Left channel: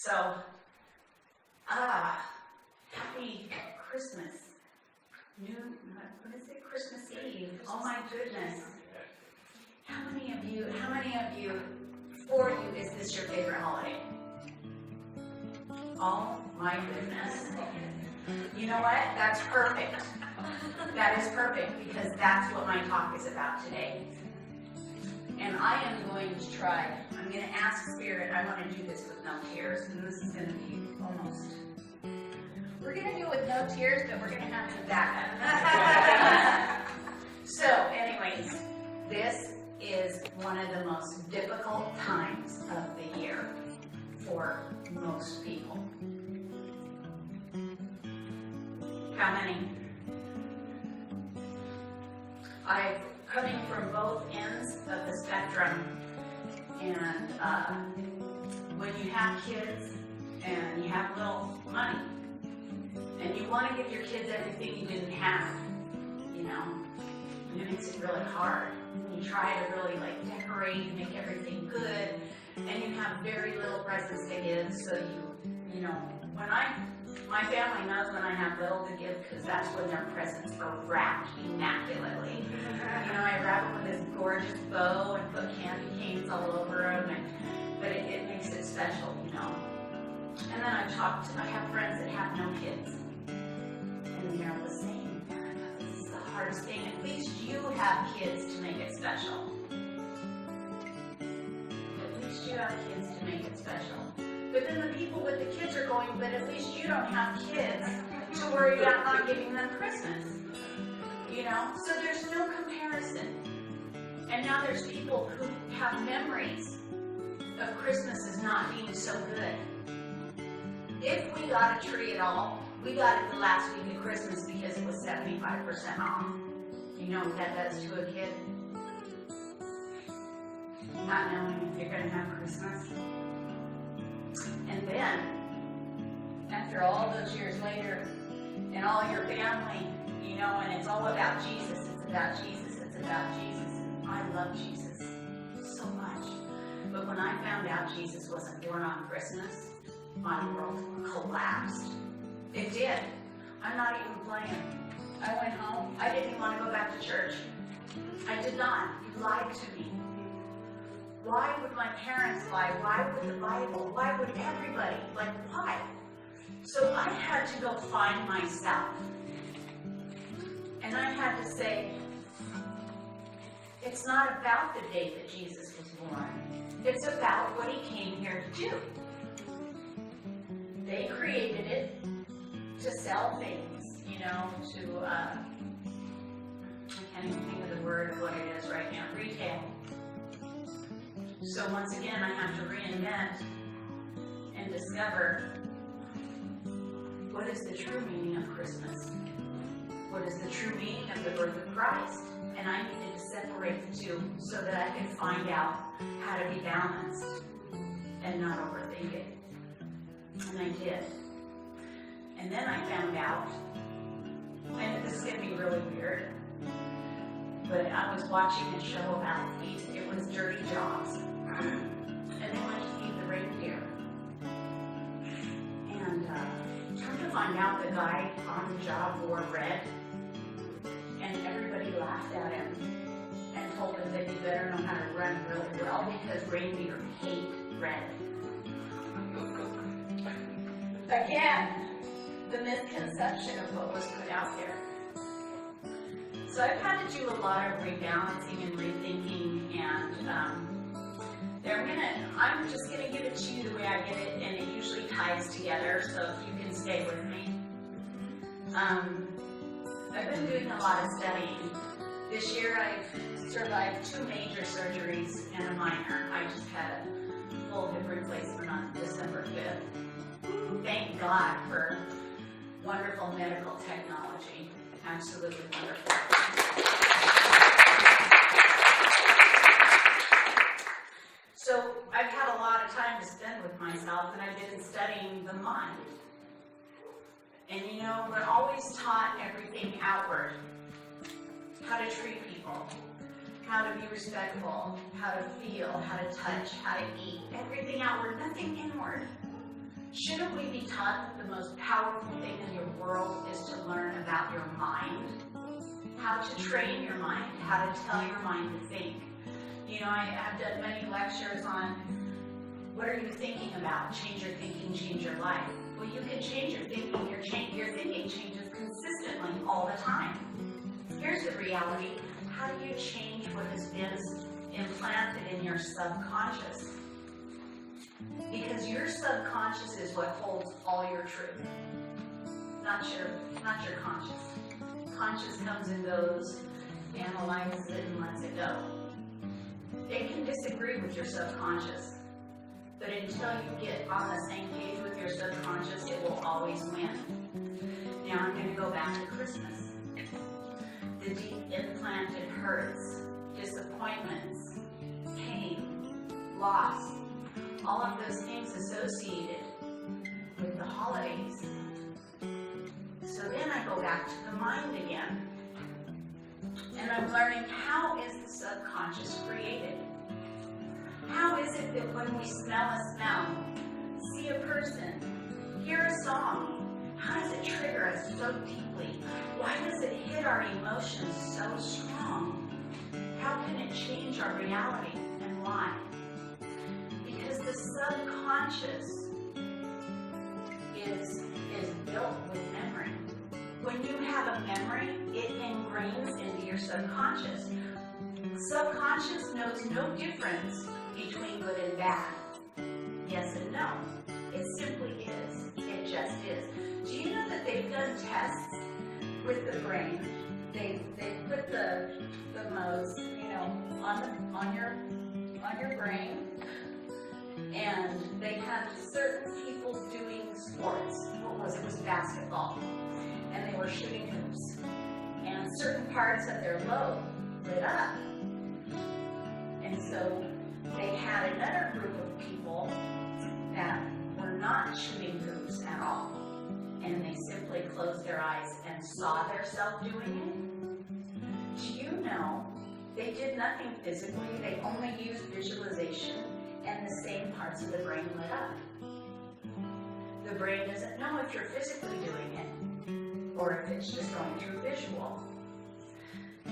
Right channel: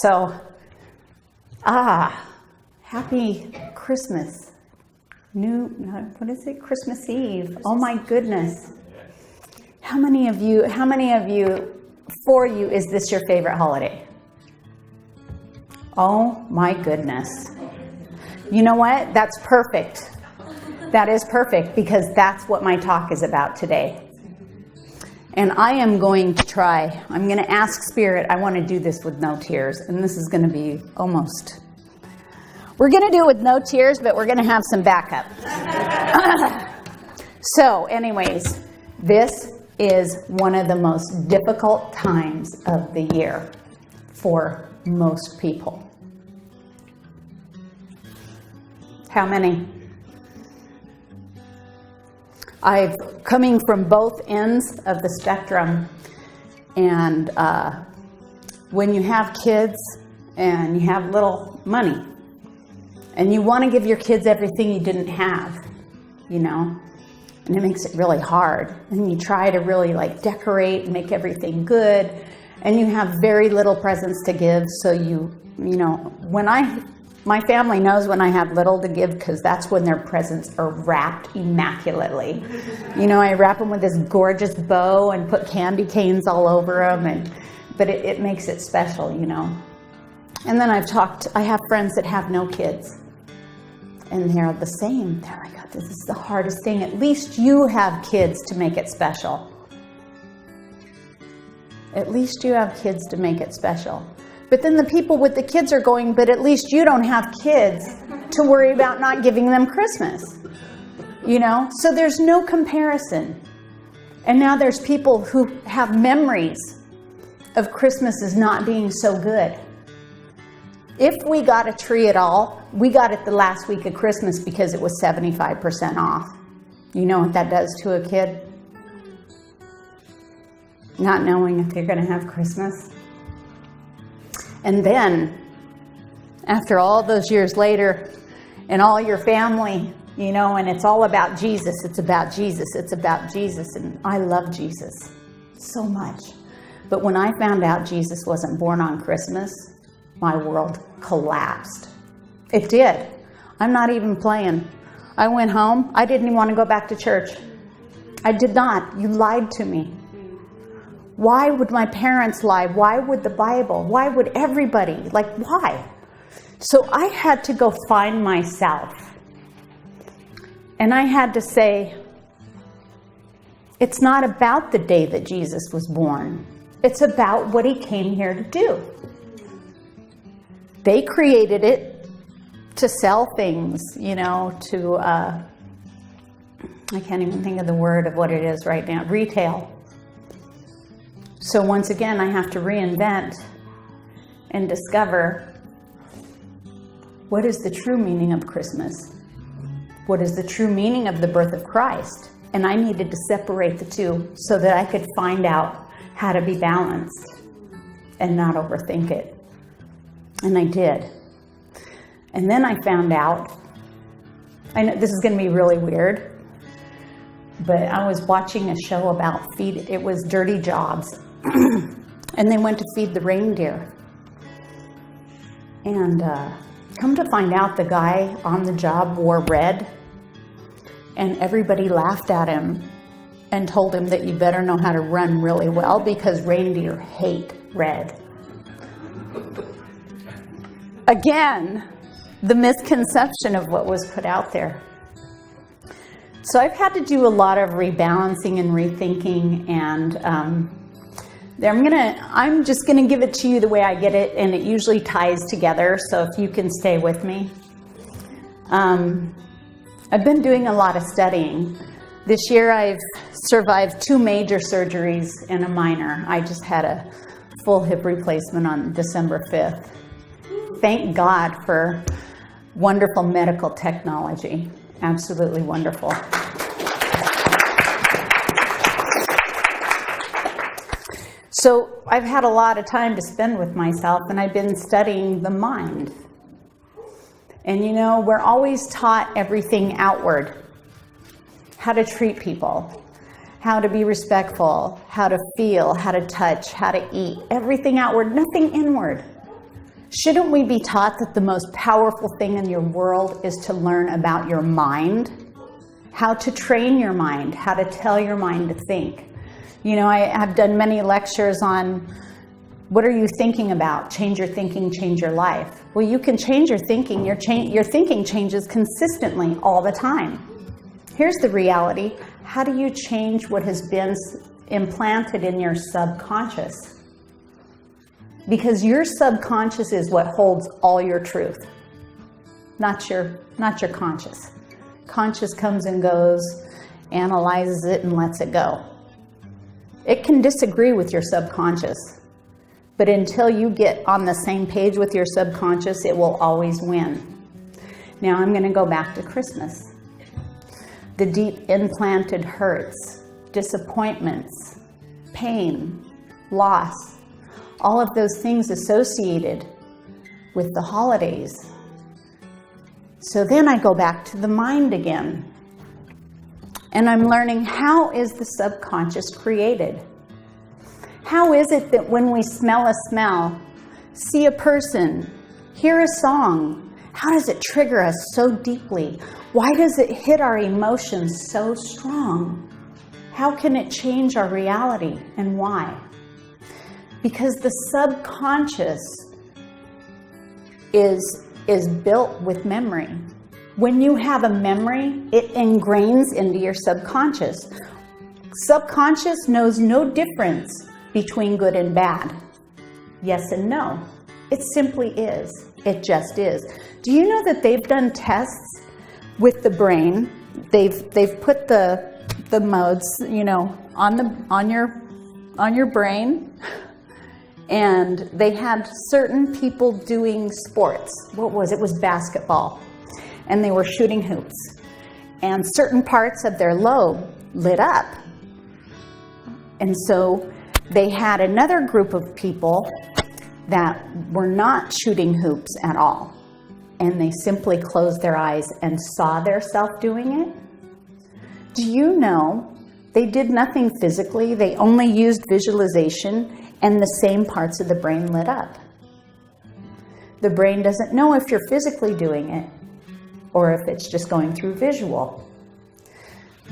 So, happy Christmas. What is it? Christmas Eve. Oh my goodness. How many of you, for you, is this your favorite holiday? Oh my goodness. You know what? That's perfect. That is perfect, because that's what my talk is about today. And I am going to try, I'm going to ask Spirit, I want to do this with no tears. And this is going to be we're going to do it with no tears, but we're going to have some backup. So anyways, this is one of the most difficult times of the year for most people. How many? Coming from both ends of the spectrum, and when you have kids and you have little money and you want to give your kids everything you didn't have, and it makes it really hard, and you try to really decorate and make everything good, and you have very little presents to give, so my family knows when I have little to give, because that's when their presents are wrapped immaculately. I wrap them with this gorgeous bow and put candy canes all over them, but it makes it special, And then I have friends that have no kids, and they're the same. They're like, oh, this is the hardest thing. At least you have kids to make it special. At least you have kids to make it special. But then the people with the kids are going, but at least you don't have kids to worry about not giving them Christmas. So there's no comparison. And now there's people who have memories of Christmas as not being so good. If we got a tree at all, we got it the last week of Christmas because it was 75% off. You know what that does to a kid? Not knowing if they're going to have Christmas. And then, after all those years later, and all your family, and it's all about Jesus, it's about Jesus, it's about Jesus, and I love Jesus so much. But when I found out Jesus wasn't born on Christmas, my world collapsed. It did. I'm not even playing. I went home. I didn't even want to go back to church. I did not. You lied to me. Why would my parents lie? Why would the Bible? Why would everybody? Why? So I had to go find myself. And I had to say, it's not about the day that Jesus was born. It's about what he came here to do. They created it to sell things, I can't even think of the word of what it is right now, retail. So once again, I have to reinvent and discover what is the true meaning of Christmas? What is the true meaning of the birth of Christ? And I needed to separate the two so that I could find out how to be balanced and not overthink it. And I did. And then I found out, I know this is going to be really weird, but I was watching a show about it was Dirty Jobs. And they went to feed the reindeer. And come to find out, the guy on the job wore red, and everybody laughed at him and told him that you better know how to run really well because reindeer hate red. Again, the misconception of what was put out there. So I've had to do a lot of rebalancing and rethinking, and I'm just gonna give it to you the way I get it, and it usually ties together, so if you can stay with me. I've been doing a lot of studying. This year I've survived 2 major surgeries and a minor. I just had a full hip replacement on December 5th. Thank God for wonderful medical technology. Absolutely wonderful. So I've had a lot of time to spend with myself, and I've been studying the mind. And we're always taught everything outward. How to treat people, how to be respectful, how to feel, how to touch, how to eat. Everything outward, nothing inward. Shouldn't we be taught that the most powerful thing in your world is to learn about your mind? How to train your mind, how to tell your mind to think. You know, I have done many lectures on what are you thinking about? Change your thinking, change your life. Well, you can change your thinking. Your thinking changes consistently all the time. Here's the reality. How do you change what has been implanted in your subconscious? Because your subconscious is what holds all your truth, not your conscious. Conscious comes and goes, analyzes it and lets it go. It can disagree with your subconscious, but until you get on the same page with your subconscious, it will always win. Now I'm going to go back to Christmas. The deep implanted hurts, disappointments, pain, loss, all of those things associated with the holidays. So then I go back to the mind again. And I'm learning, how is the subconscious created? How is it that when we smell a smell, see a person, hear a song, how does it trigger us so deeply? Why does it hit our emotions so strong? How can it change our reality, and why? Because the subconscious is built with memory. When you have a memory, it ingrains into your subconscious. Subconscious knows no difference between good and bad. Yes and no. It simply is. It just is. Do you know that they've done tests with the brain? They've put the modes, you know, on your brain, and they had certain people doing sports. What was it? It was basketball. And they were shooting hoops. And certain parts of their lobe lit up. And so they had another group of people that were not shooting hoops at all. And they simply closed their eyes and saw themselves doing it. Do you know they did nothing physically? They only used visualization, and the same parts of the brain lit up. The brain doesn't know if you're physically doing it or if it's just going through visual.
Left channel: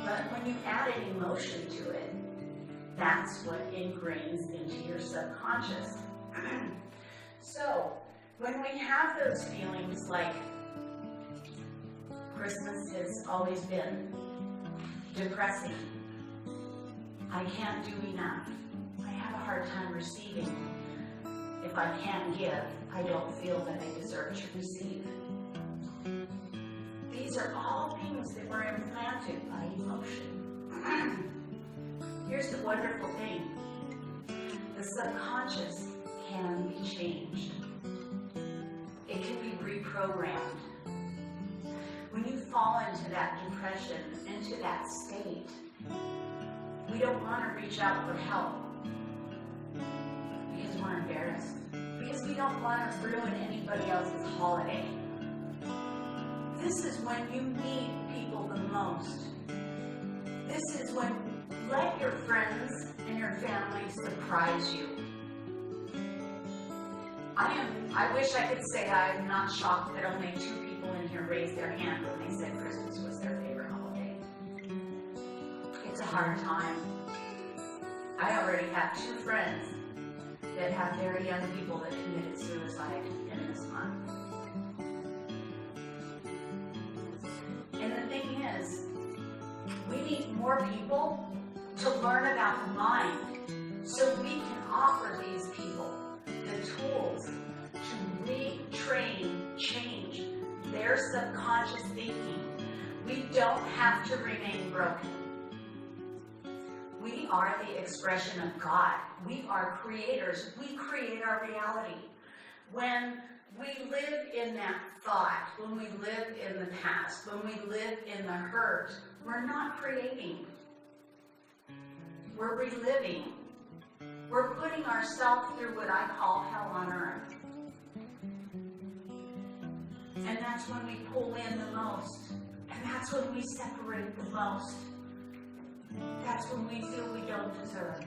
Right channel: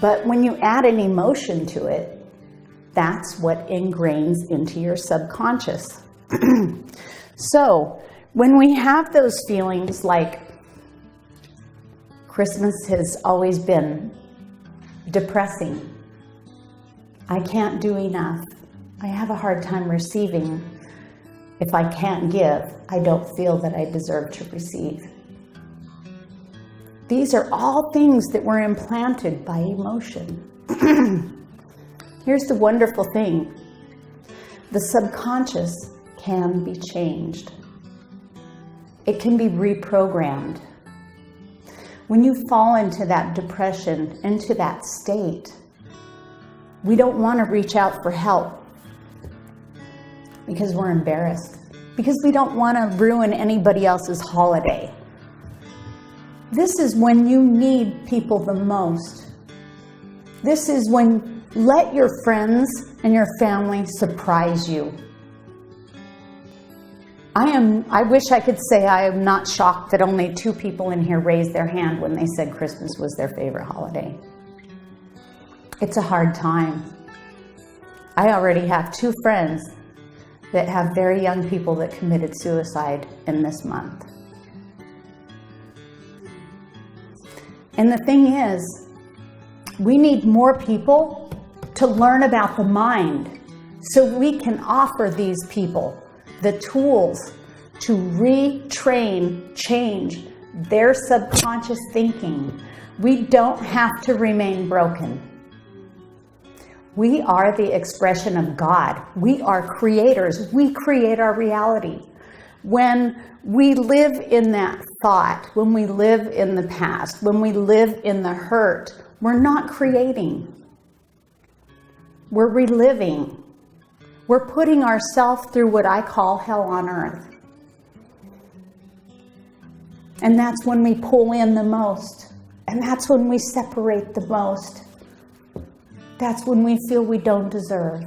But when you add an emotion to it, that's what ingrains into your subconscious. So when we have those feelings like Christmas has always been depressing, I can't do enough, I have a hard time receiving, if I can't give, I don't feel that I deserve to receive. These are all things that were implanted by emotion. Here's the wonderful thing. The subconscious can be changed. It can be reprogrammed. When you fall into that depression, into that state, we don't want to reach out for help because we're embarrassed, because we don't want to ruin anybody else's holiday. This is when you need people the most. This is when let your friends and your family surprise you. I wish I could say I am not shocked that only 2 people in here raised their hand when they said Christmas was their favorite holiday. It's a hard time. I already have 2 friends that have very young people that committed suicide in this month. And the thing is, we need more people to learn about the mind so we can offer these people the tools to retrain, change their subconscious thinking. We don't have to remain broken. We are the expression of God. We are creators. We create our reality. When we live in that thought, when we live in the past, when we live in the hurt, we're not creating. We're reliving. We're putting ourselves through what I call hell on earth. And that's when we pull in the most. And that's when we separate the most. That's when we feel we don't deserve.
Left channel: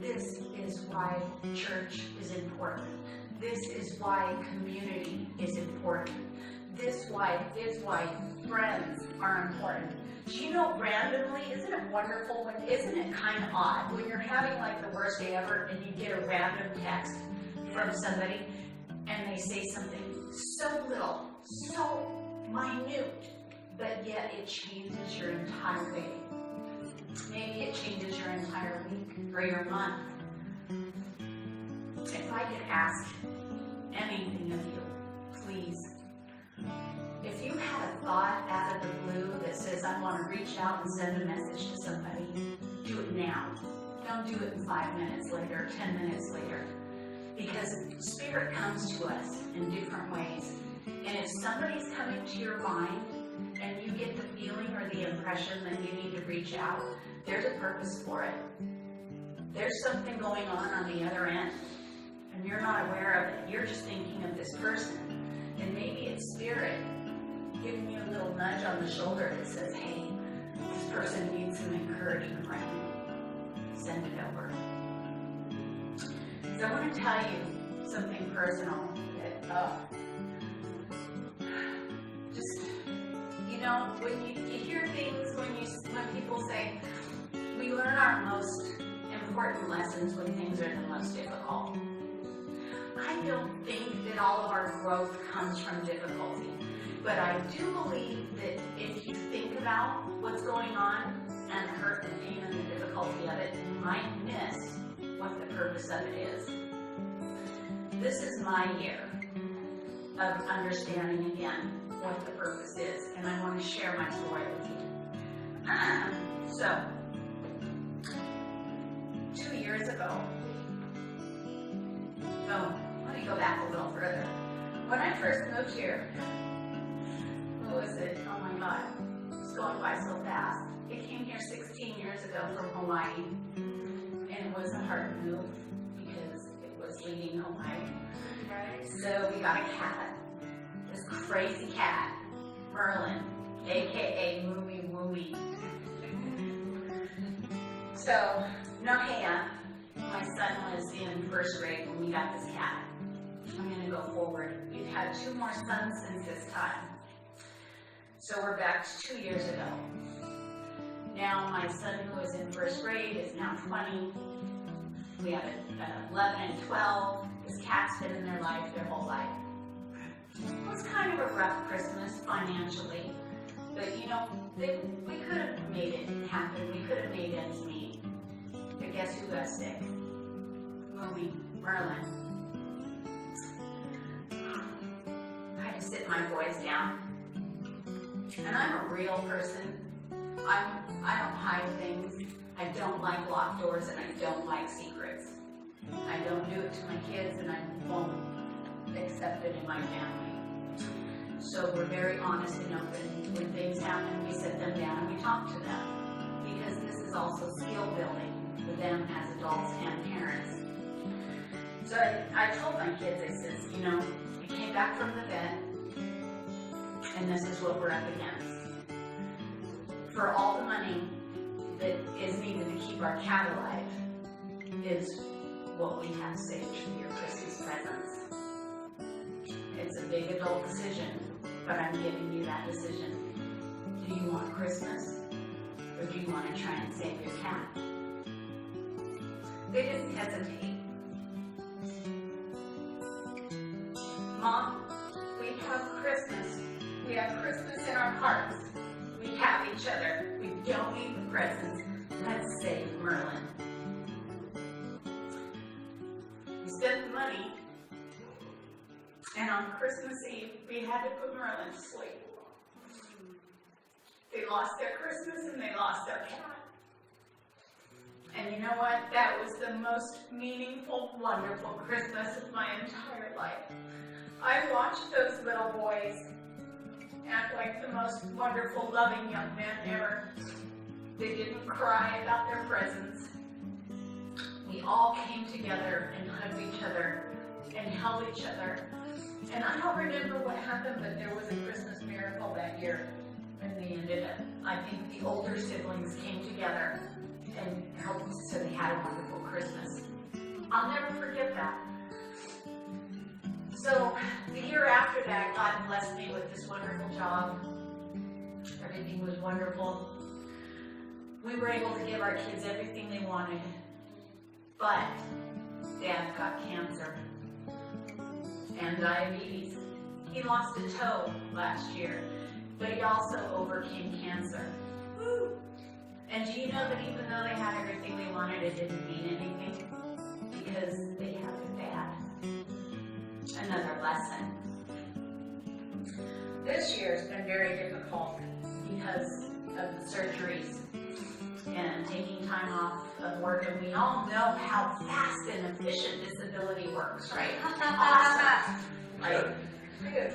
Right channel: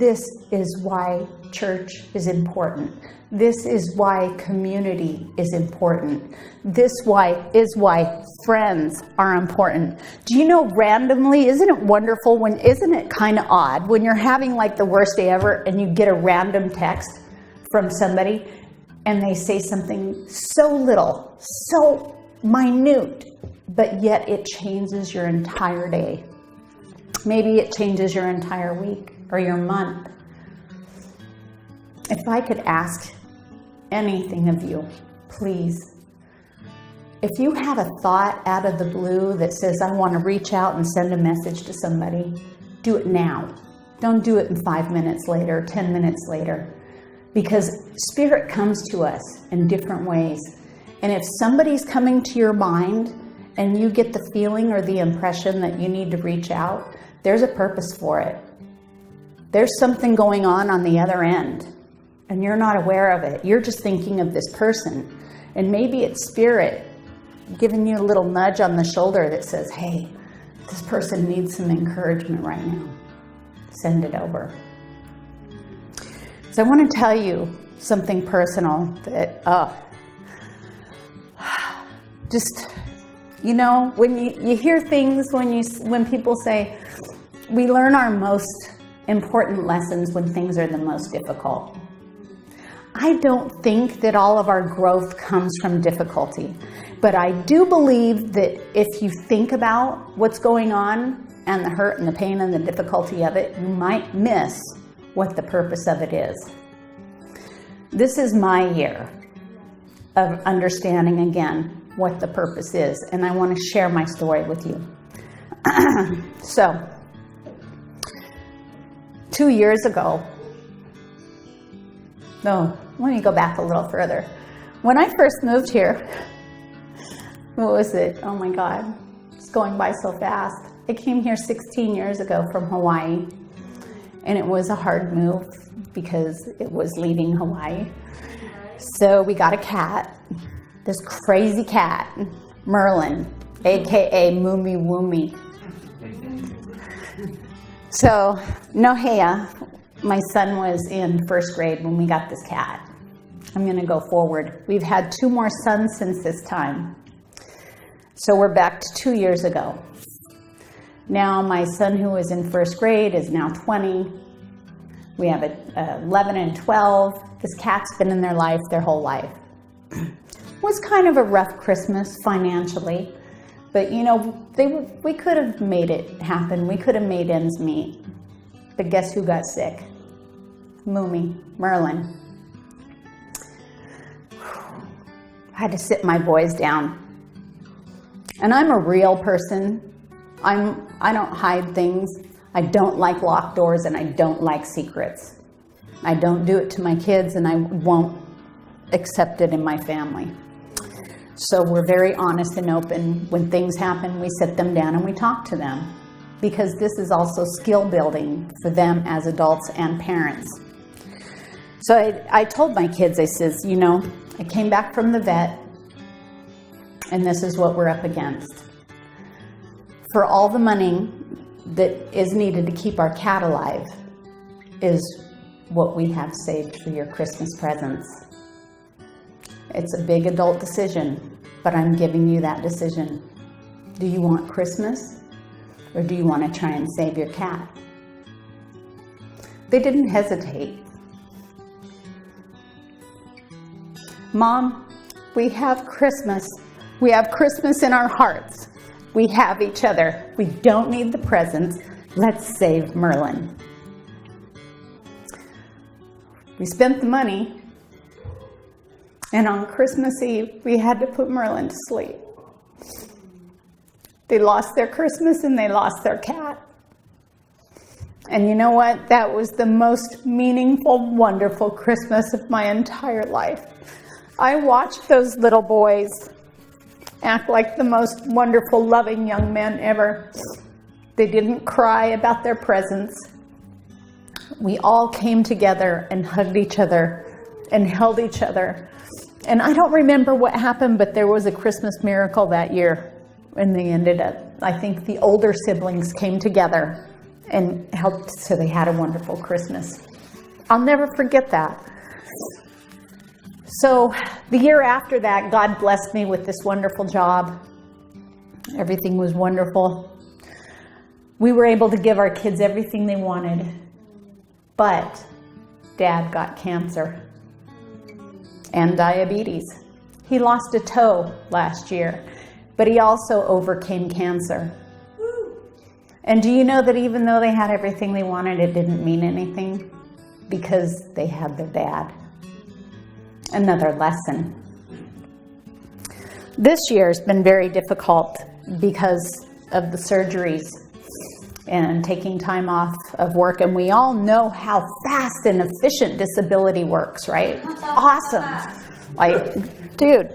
This is why church is important. This is why community is important. This is why friends are important. Do you know, randomly, isn't it wonderful isn't it kind of odd when you're having like the worst day ever and you get a random text from somebody and they say something so little, so minute, but yet it changes your entire day. Maybe it changes your entire week or your month. If I could ask anything of you, please, if you have a thought out of the blue that says, I want to reach out and send a message to somebody, do it now. Don't do it in 5 minutes later, 10 minutes later, because Spirit comes to us in different ways. And if somebody's coming to your mind and you get the feeling or the impression that you need to reach out, there's a purpose for it. There's something going on the other end, and you're not aware of it. You're just thinking of this person. And maybe it's Spirit giving you a little nudge on the shoulder that says, hey, this person needs some encouragement right now. Send it over. So I want to tell you something personal that, just, you know, when you hear things, when people say, we learn our most important lessons when things are the most difficult. I don't think that all of our growth comes from difficulty, but I do believe that if you think about what's going on and the hurt and the pain and the difficulty of it, you might miss what the purpose of it is. This is my year of understanding again what the purpose is, and I want to share my story with you. So, 2 years ago, no, let me go back a little further. When I first moved here, what was it? Oh my God, it's going by so fast. I came here 16 years ago from Hawaii, and it was a hard move because it was leaving Hawaii. So we got a cat, this crazy cat, Merlin, AKA Moomy Woomy. So Nohea, my son was in first grade when we got this cat. I'm gonna go forward. We've had 2 more sons since this time. So we're back to 2 years ago. Now my son who was in first grade is now 20. We have 11 and 12. This cat's been in their life their whole life. It was kind of a rough Christmas financially, but you know, we could have made it happen. We could have made ends meet. But guess who got sick? Moomy, Merlin. I had to sit my boys down. And I'm a real person. I don't hide things. I don't like locked doors, and I don't like secrets. I don't do it to my kids, and I won't accept it in my family. So we're very honest and open. When things happen, we sit them down and we talk to them, because this is also skill building for them as adults and parents. So I told my kids, I says, you know, I came back from the vet, and this is what we're up against. For all the money that is needed to keep our cat alive is what we have saved for your Christmas presents. It's a big adult decision, but I'm giving you that decision. Do you want Christmas, or do you want to try and save your cat? They didn't hesitate. Mom, we have Christmas. We have Christmas in our hearts. We have each other. We don't need the presents. Let's save Merlin. We spent the money, and on Christmas Eve, we had to put Merlin to sleep. They lost their Christmas and they lost their cat. And you know what? That was the most meaningful, wonderful Christmas of my entire life. I watched those little boys act like the most wonderful, loving young men ever. They didn't cry about their presents. We all came together and hugged each other and held each other. And I don't remember what happened, but there was a Christmas miracle that year. And they ended up, I think the older siblings came together and helped so they had a wonderful Christmas. I'll never forget that. So the year after that, God blessed me with this wonderful job. Everything was wonderful. We were able to give our kids everything they wanted, but Dad got cancer and diabetes. He lost a toe last year, but he also overcame cancer. And do you know that even though they had everything they wanted, it didn't mean anything because they had their dad? Another lesson. This year has been very difficult because of the surgeries and taking time off of work. And we all know how fast and efficient disability works, right? Awesome. Like, dude,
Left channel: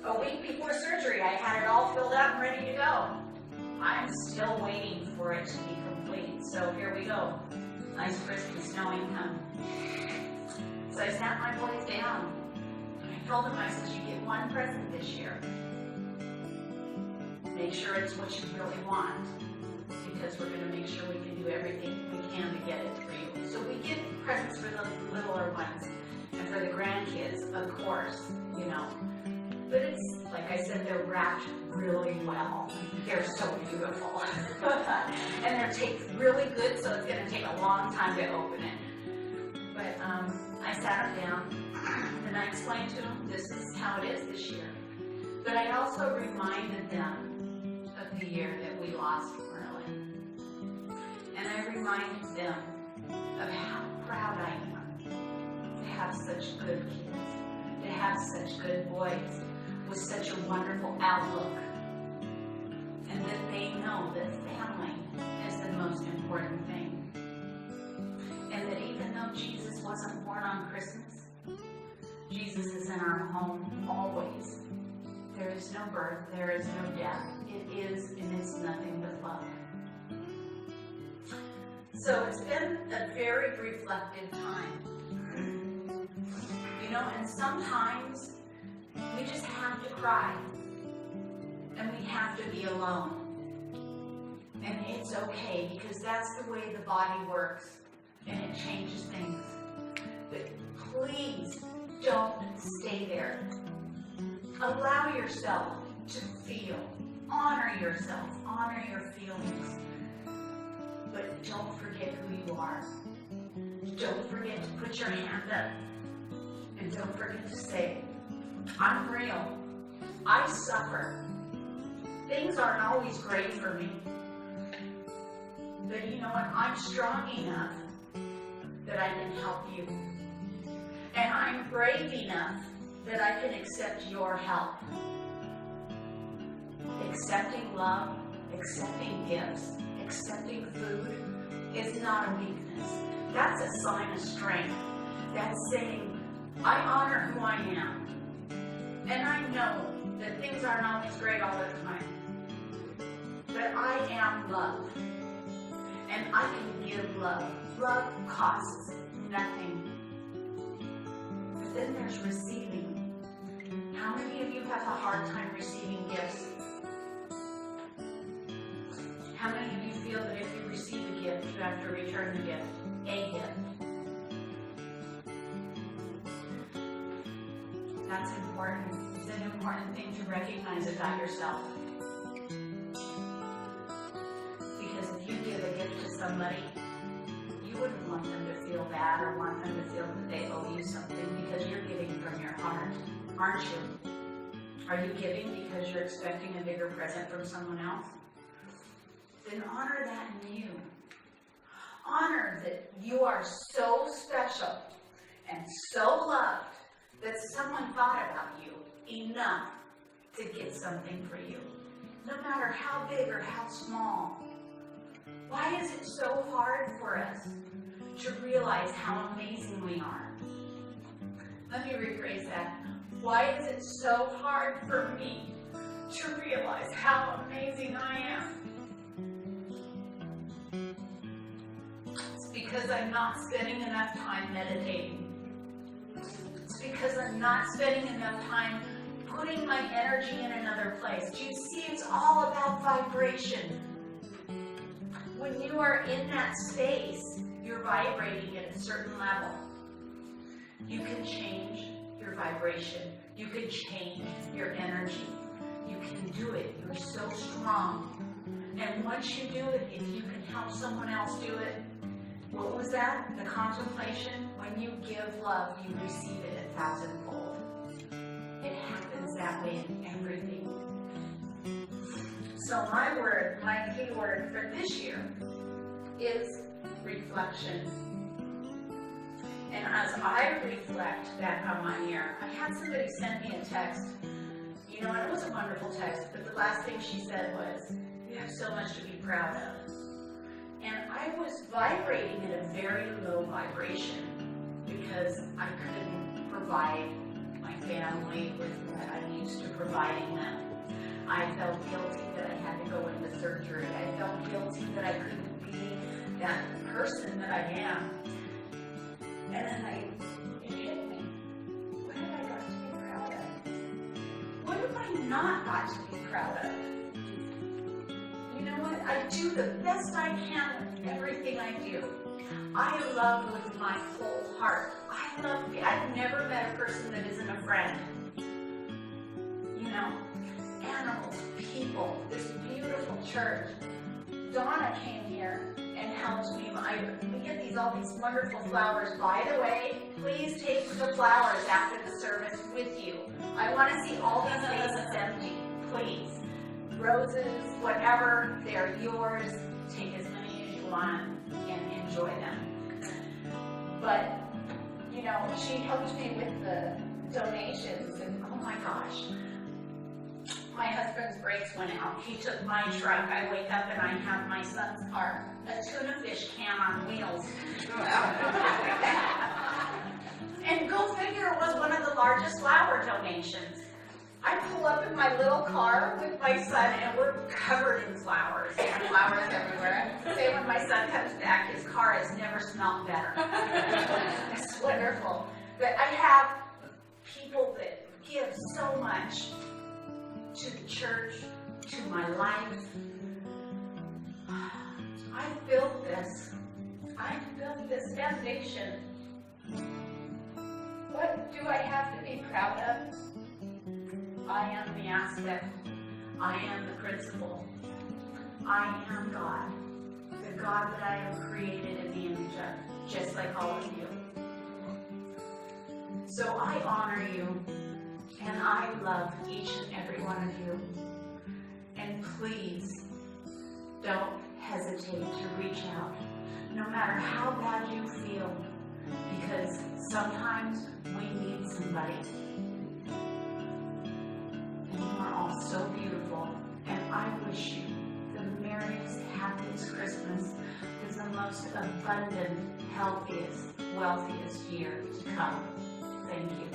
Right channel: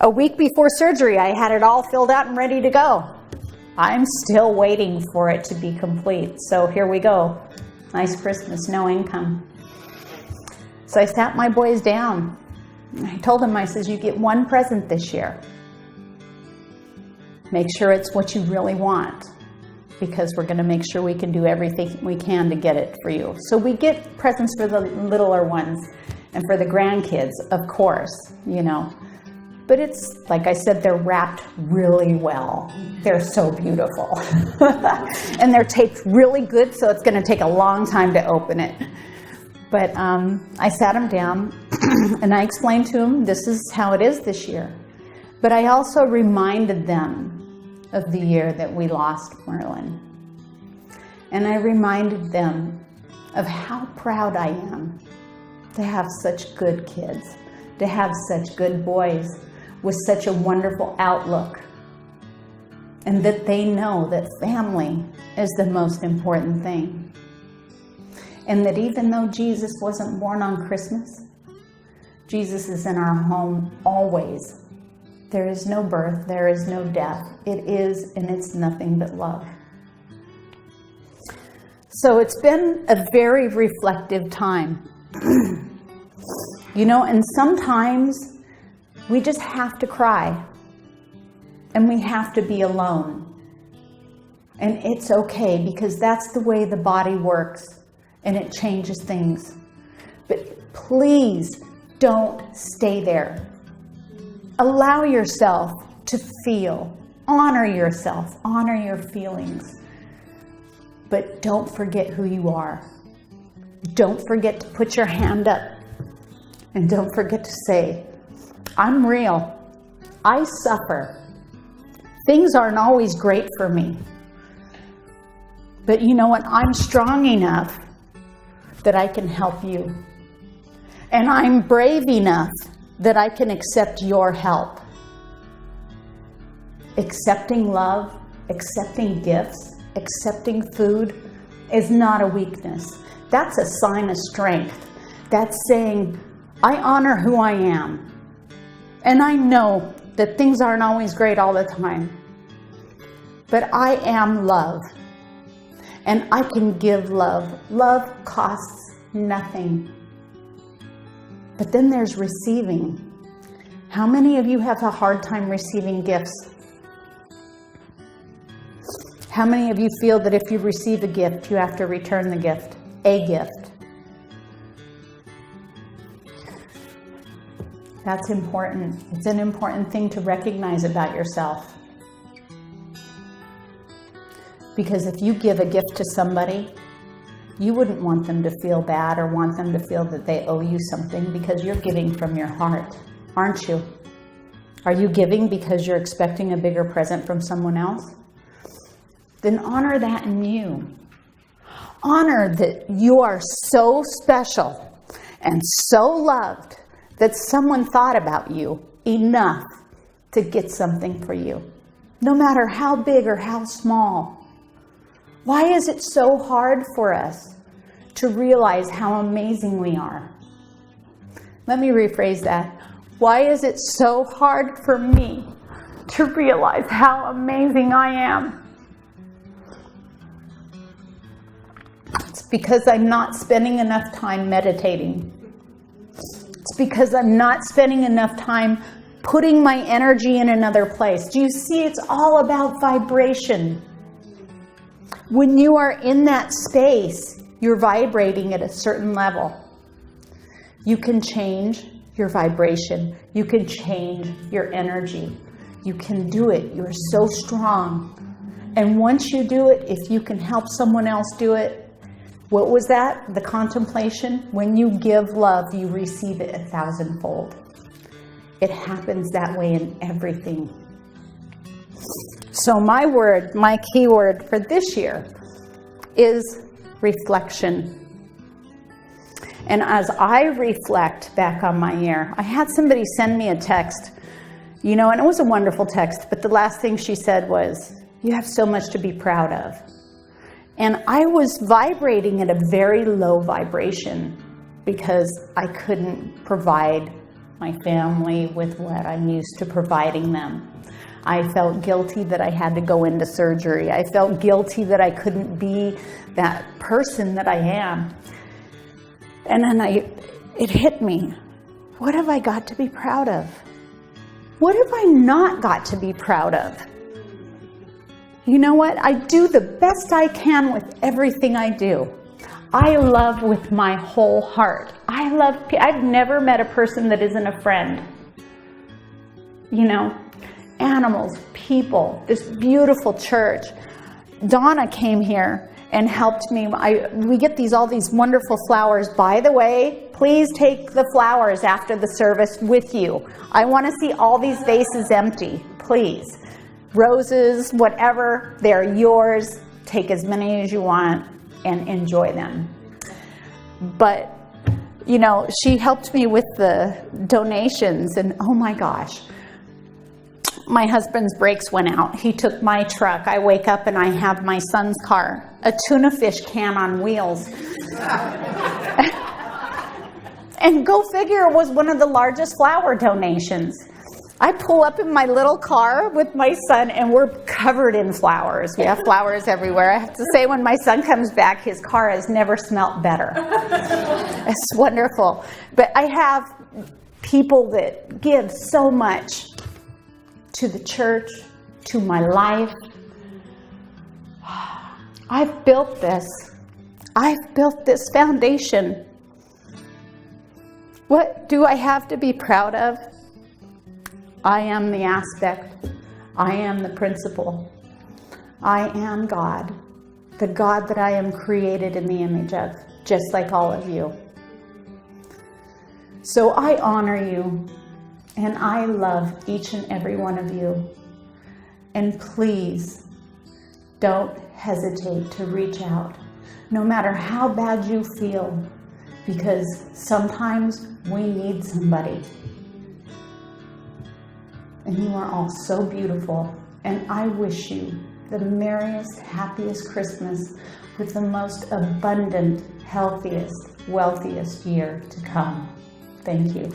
a week before surgery, I had it all filled out and ready to go. I'm still waiting for it to be complete. So here we go. Nice Christmas, no income. So I sat my boys down. I told them, I says, you get one present this year. Make sure it's what you really want, because we're going to make sure we can do everything we can to get it for you. So we get presents for the littler ones and for the grandkids, of course, you know. But it's, like I said, they're wrapped really well. They're so beautiful. And they're taped really good, so it's going to take a long time to open it. But I sat them down and I explained to them, this is how it is this year. But I also reminded them of the year that we lost Merlin. And I reminded them of how proud I am to have such good kids, to have such good boys with such a wonderful outlook, and that they know that family is the most important thing. And that even though Jesus wasn't born on Christmas, Jesus is in our home always. There is no birth, there is no death. It is, and it's nothing but love. So it's been a very reflective time. You know, and sometimes we just have to cry. And we have to be alone. And it's okay, because that's the way the body works. And it changes things. But please don't stay there. Allow yourself to feel. Honor yourself. Honor your feelings. But don't forget who you are. Don't forget to put your hand up. And don't forget to say, I'm real. I suffer. Things aren't always great for me. But you know what? I'm strong enough that I can help you. And I'm brave enough that I can accept your help. Accepting love, accepting gifts, accepting food is not a weakness. That's a sign of strength. That's saying, I honor who I am. And I know that things aren't always great all the time. But I am love. And I can give love. Love costs nothing. But then there's receiving. How many of you have a hard time receiving gifts? How many of you feel that if you receive a gift, you have to return the gift? A gift. That's important. It's an important thing to recognize about yourself. Because if you give a gift to somebody, you wouldn't want them to feel bad or want them to feel that they owe you something, because you're giving from your heart, aren't you? Are you giving because you're expecting a bigger present from someone else? Then honor that in you. Honor that you are so special and so loved that someone thought about you enough to get something for you, no matter how big or how small. Why is it so hard for us to realize how amazing we are? Let me rephrase that. Why is it so hard for me to realize how amazing I am? It's because I'm not spending enough time meditating. It's because I'm not spending enough time putting my energy in another place. Do you see? It's all about vibration. When you are in that space, you're vibrating at a certain level. You can change your vibration. You can change your energy. You can do it. You're so strong. And once you do it, if you can help someone else do it, what was that? The contemplation? When you give love, you receive it 1,000-fold. It happens that way in everything. So my key word for this year is reflection. And as I reflect back on my year, I had somebody send me a text, and it was a wonderful text, but the last thing she said was, "You have so much to be proud of." And I was vibrating at a very low vibration because I couldn't provide my family with what I'm used to providing them. I felt guilty that I had to go into surgery. I felt guilty that I couldn't be that person that I am. And then it hit me. What have I got to be proud of? What have I not got to be proud of? You know what? I do the best I can with everything I do. I love with my whole heart. I've never met a person that isn't a friend. Animals, people, this beautiful church. Donna came here and helped me. We get all these wonderful flowers. By the way, please take the flowers after the service with you. I want to see all these vases empty, please. Roses, whatever, they're yours. Take as many as you want and enjoy them. But, she helped me with the donations, and oh my gosh, my husband's brakes went out. He took my truck. I wake up and I have my son's car, a tuna fish can on wheels. And go figure, it was one of the largest flower donations. I pull up in my little car with my son and we're covered in flowers. We have flowers everywhere. I have to say, when my son comes back, his car has never smelt better. It's wonderful. But I have people that give so much to the church, to my life. I've built this. I've built this foundation. What do I have to be proud of? I am the aspect. I am the principle. I am God, the God that I am created in the image of, just like all of you. So I honor you, and I love each and every one of you. And please, don't hesitate to reach out, no matter how bad you feel, because sometimes we need somebody. And you are all so beautiful, and I wish you the merriest, happiest Christmas with the most abundant, healthiest, wealthiest year to come. Thank you.